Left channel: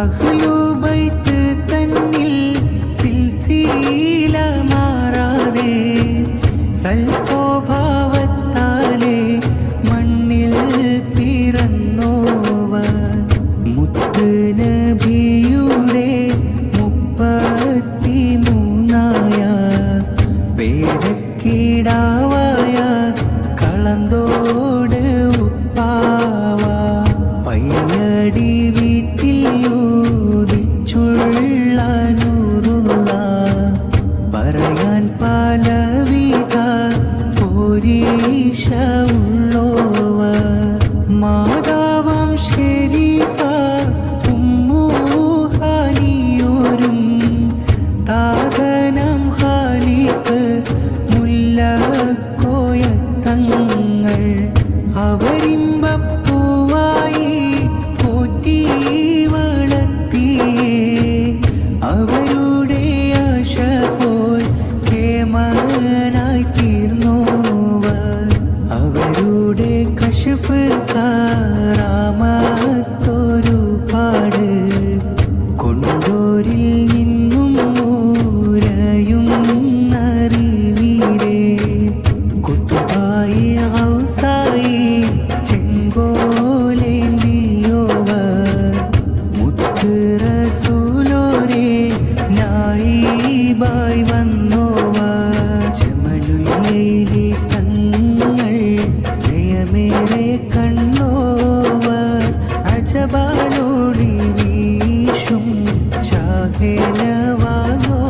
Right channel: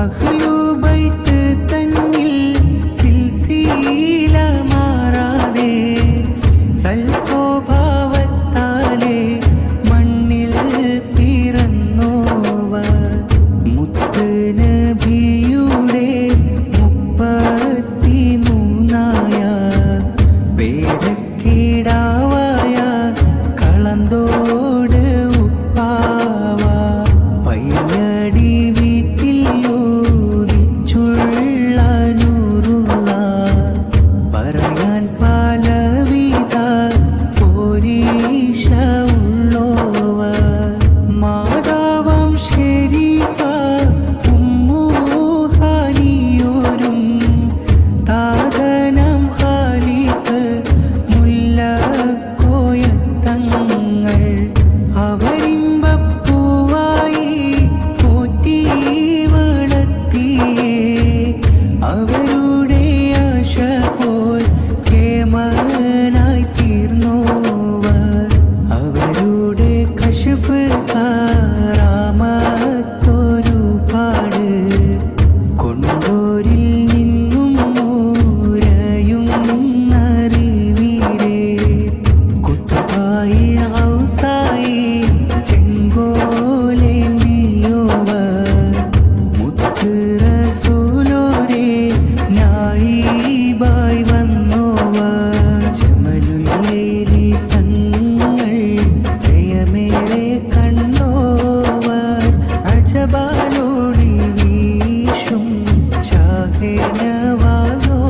അഹ്ലുബൈത്ത് തന്നിൽ സിൽസില മാറാതെ സൽസ്വഭാവത്താലെ മണ്ണിൽ പിറന്നോവർ മുത്ത് നബിയുടെ 33 പേരക്കിടാവായ കളന്തോട് ഉപ്പാവ പയ്യടി വീട്ടിൽ യോദിച്ചുള്ള നൂറുള്ള പറയാൻ പലവിധ പോരീഷ ഉള്ളോവർ മാതാവാം ഷെരീഫ ഉമ്മുഹാനിയോരും താതനം ഖാലിഖ് മുല്ലക്കോയത്തങ്ങൾ അവരിമ്പപ്പൂവായി പോറ്റി വളർത്തിയേ അവരുടെ ആശ പോൽ കേമനായി തീർന്നോവർ അവരുടെ കശഫ് കാറാമത്തൊരുപാട് കൊണ്ടോരിൽ നിന്നും മൂരയും അറിവീരേ കുത്തുബായി ഔസായി ചെങ്കോലേന്തിയോവർ മുത്ത് റസൂലോരേ നായിബായി വന്നോവർ ജമലുല്ലൈലി തങ്ങൾ ജയമേറെ കണ്ടോവർ അജബാലോടി വീശും ഷാഹേ നവാസോ